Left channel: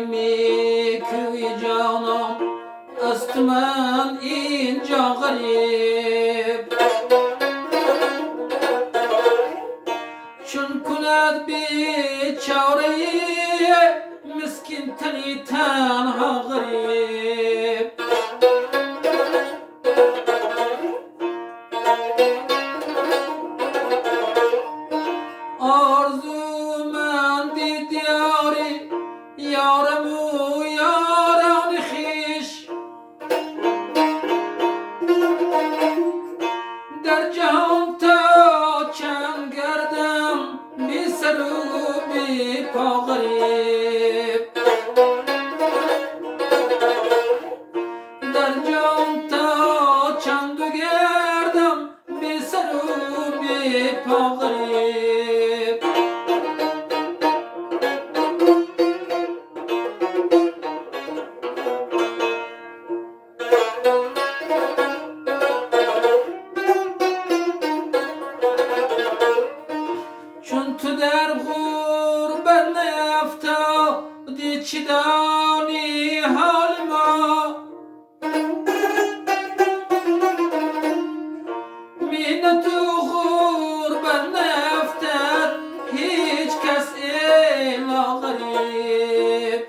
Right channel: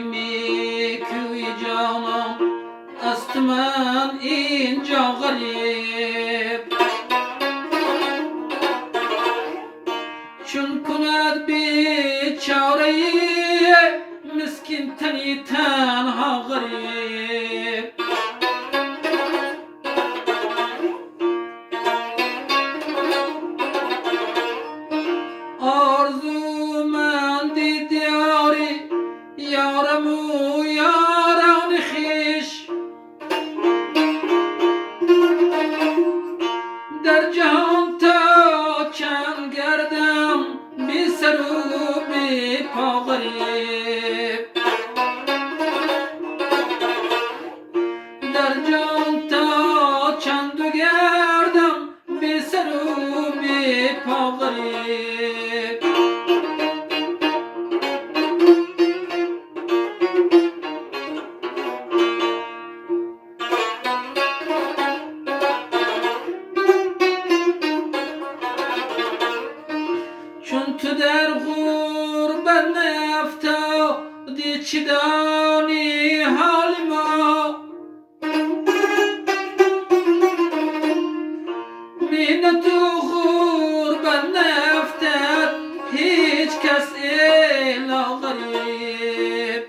می کوی جانم است من اینجا غریب چون کند بیچاره مسکین تنی تنها غریب آرزو من دیداری یارم و یاران خویش در جهان تا چند گردم بی سر و بی پا غریب در جهان تا چند گردم بی سر و بی پا غریب چون تو در غربت نیفتادی چی دانی حال ما من تو غربت نیفتد هیچ کس الا غریب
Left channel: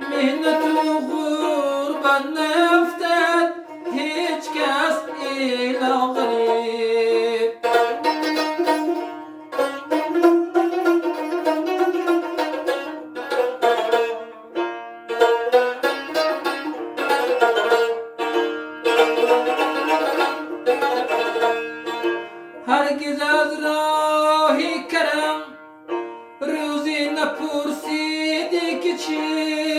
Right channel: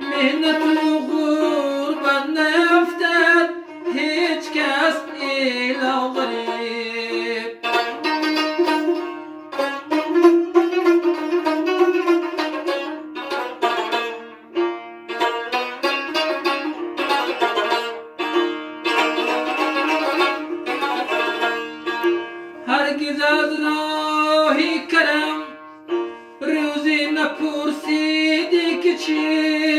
من تو غربت نیفتد هیچ کس الا غریب هرگز از راهی کرم روزی نپرسیدی که چی